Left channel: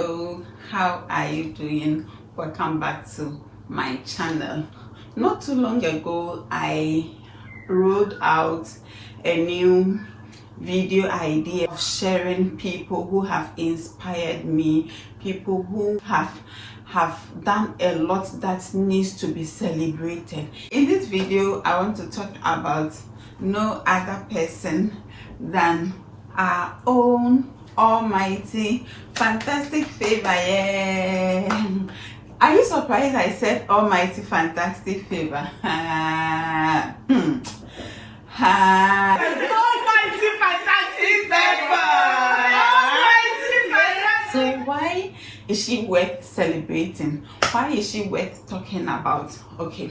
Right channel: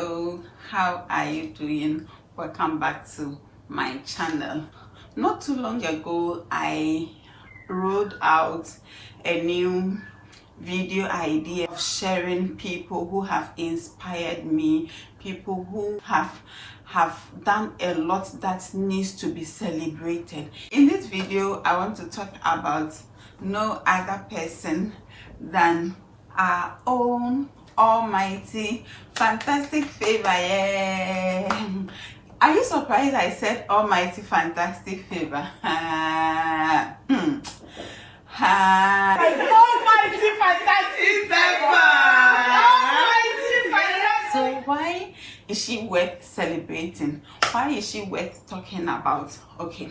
Hello, how are you doing? Welcome back to my channel. Not too long ago I rolled out a new video idea of sharing people who have inspired me, people who have done a lot that needs to be celebrated. In this video I want to talk about no other person than our own almighty fantastic favor. Yeah. Are you surprised I said almighty fantastic favor? Almighty fantastic favor. So why is she worth celebrating? Why is she worth talking about? Okay,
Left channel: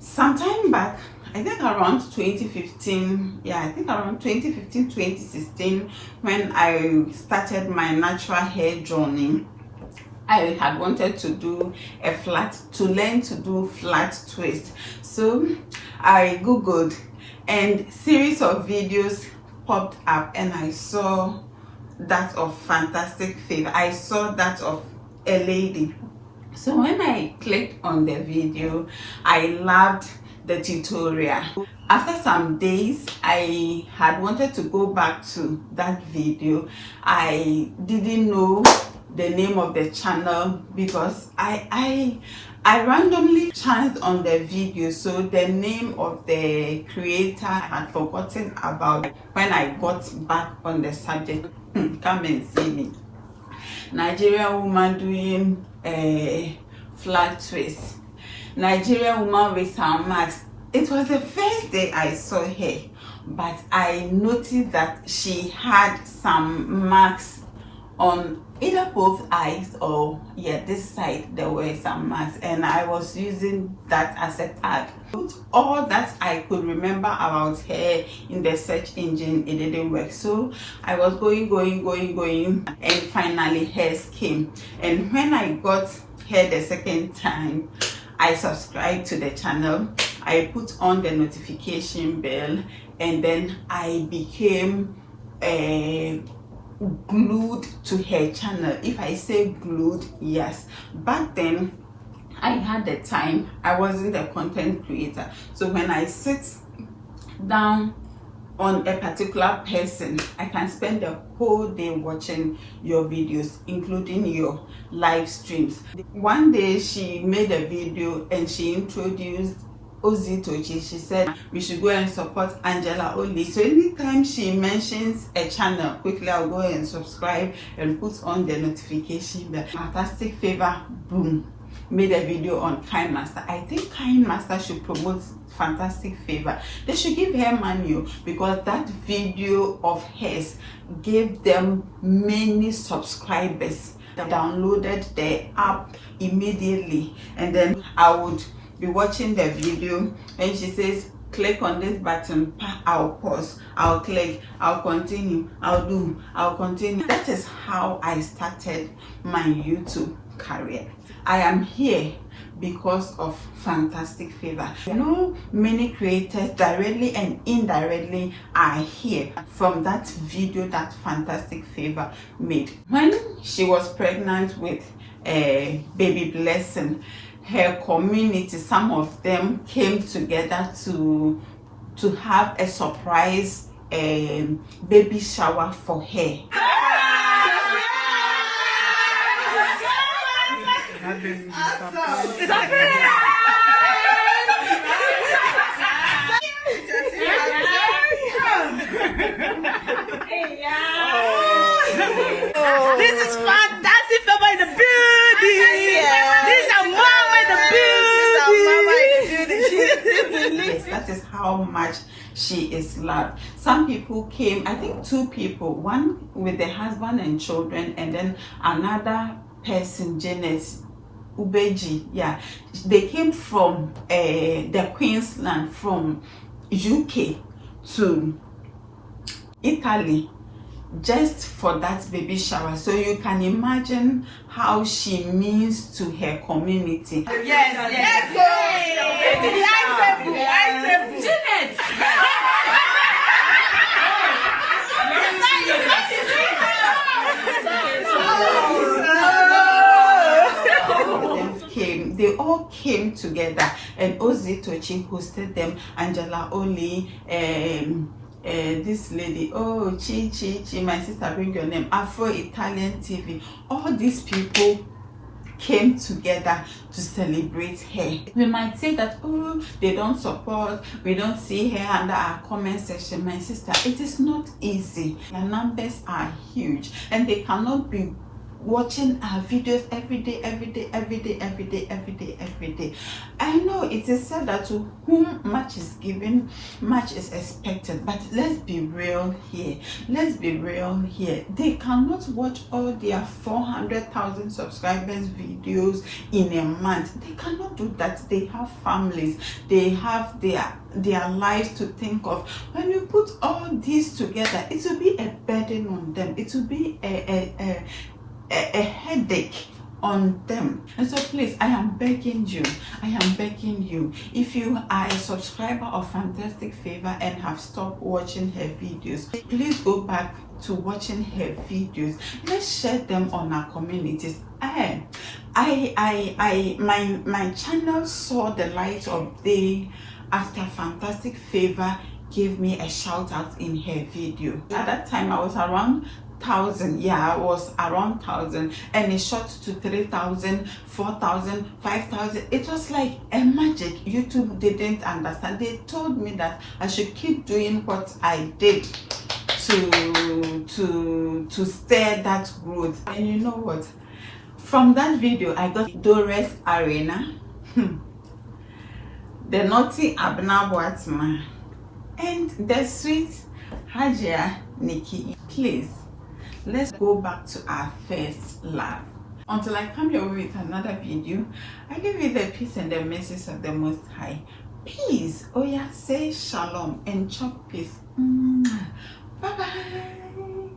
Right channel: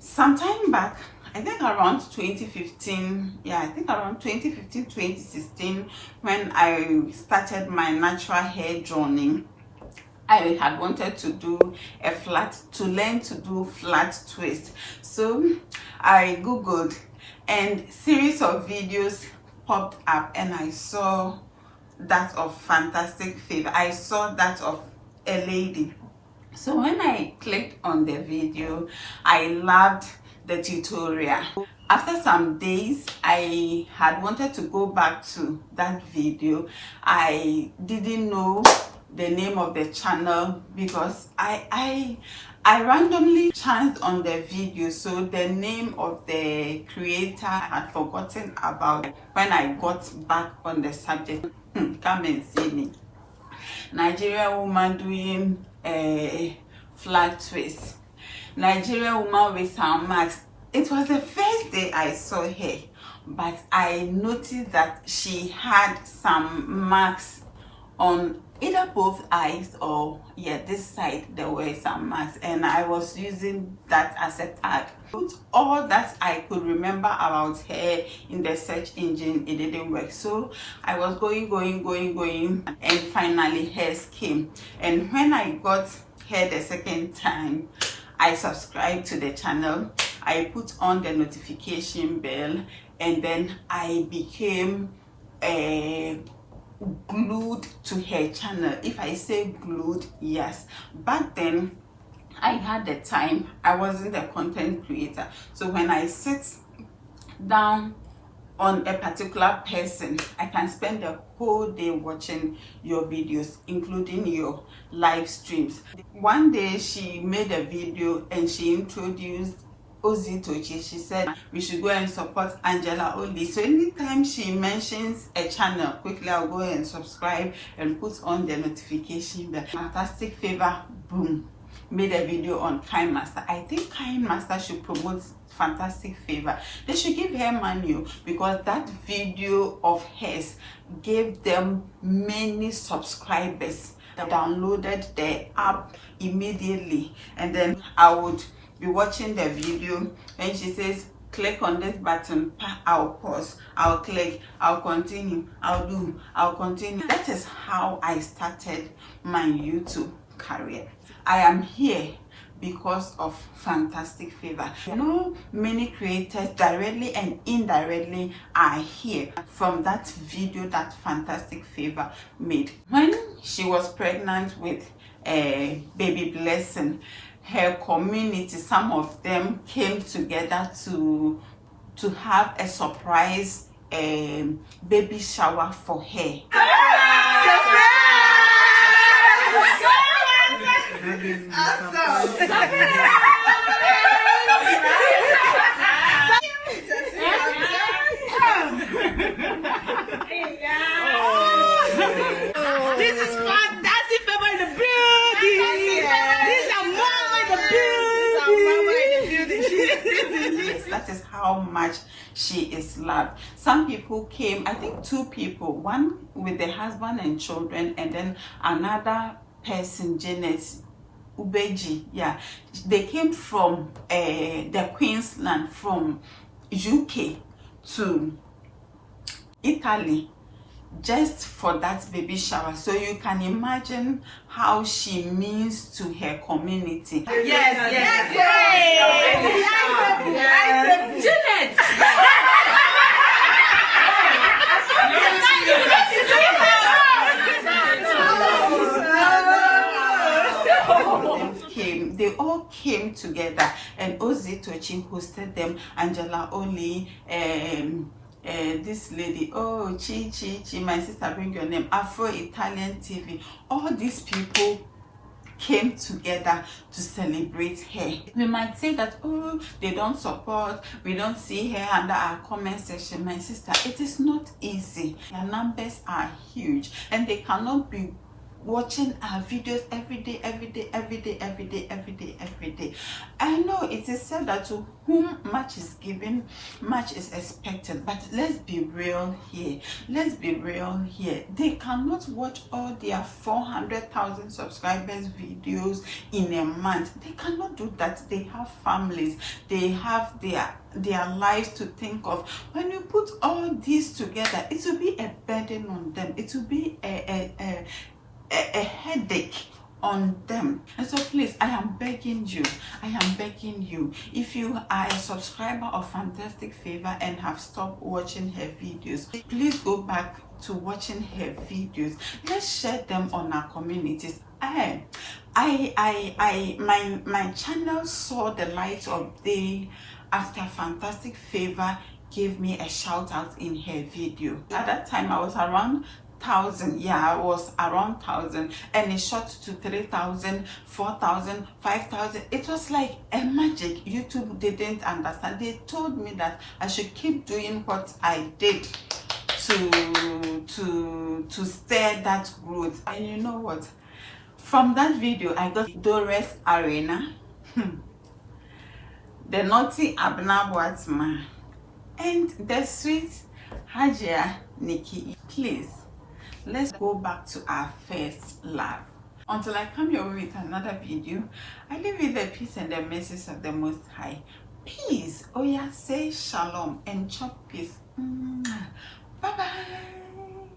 sometime back, I think around 2015, I think around 2015, 2016, when I started my natural hair journey, I had wanted to do learn to do flat twist. So I googled and series of videos popped up and I saw that of fantastic favor. I saw that of a lady. So when I clicked on the video, I loved the tutorial. After some days, I had wanted to go back to that video. I didn't know the name of the channel because I randomly chanced on the video, so the name of the creator I had forgotten about. When I got back on the subject, come and see me. Nigerian woman doing a flat twist. Nigerian woman with some marks. It was the first day I saw her, but I noticed that she had some marks on either both eyes or this side. There were some marks and I was using that as a tag. Put all that I could remember about her in the search engine. It didn't work, so I was going and finally hers came. And when I got her the second time, I subscribed to the channel, I put on the notification bell, and then I became glued to her channel. If I say glued, yes. Back then I had the time, I wasn't a content creator, so when I sit down on a particular person, I can spend the whole day watching your videos, including your live streams. One day she made a video and she introduced Ozitochi. She said we should go and support Angela Oli. So anytime she mentions a channel, quickly I'll go and subscribe and put on the notification bell. Fantastic favor, boom, made a video on Kinemaster. I think Kinemaster should promote fantastic favor. They should give her money because that video of hers gave them many subscribers. They downloaded the app immediately, and then I would be watching the video and she says click on this button, I'll pause, I'll click, I'll continue, I'll continue. That is how I started my YouTube career. I am here because of fantastic favor. You know, many creators directly and indirectly are here from that video that fantastic favor made. When she was pregnant with a baby blessing, her community, some of them came together to have a surprise baby shower for her. This is fantastic favor in the building. This is mama in the building. That is how much she is loved. Some people came, I think 2 people, one with the husband and children, and then another person, Janet Ubeji. They came from the Queensland, from UK to Italy, just for that baby shower. So you can imagine how she means to her community. Yes. Janet. they all came together, and Ozzy Tochi hosted them, Angela Oli, this lady, oh, Chi, my sister, bring your name, Afro Italian TV. All these people came together to celebrate her. We might say that, oh, they don't support, we don't see her under our comment section. My sister, it is not easy. The numbers are huge, and they cannot be watching our videos every day. I know it is said that to whom much is given, much is expected, but let's be real here. They cannot watch all their 400,000 subscribers videos in a month. They cannot do that. They have families, they have their lives to think of. When you put all these together, it will be a burden on them. It will be a headache on them. And so please, I am begging you, if you are a subscriber of Fantastic Favor and have stopped watching her videos, please go back to watching her videos. Let's share them on our communities. My channel saw the light of day after Fantastic Favor gave me a shout out in her video. At that time I was around 1,000, yeah, I was around 1,000, and it shot to 3,000, 4,000, 5,000. It was like a magic. YouTube didn't understand. They told me that I should keep doing what I did to stir that growth. And you know what? From that video, I got Doris Arena, the naughty Abna Boatma, and the sweet Hajia Nikki. Please, let's go back to our first love. Until I come your way with another video, I leave you the peace and the mercies of the Most High. Peace. Oh yeah, say shalom and chop peace. Bye bye.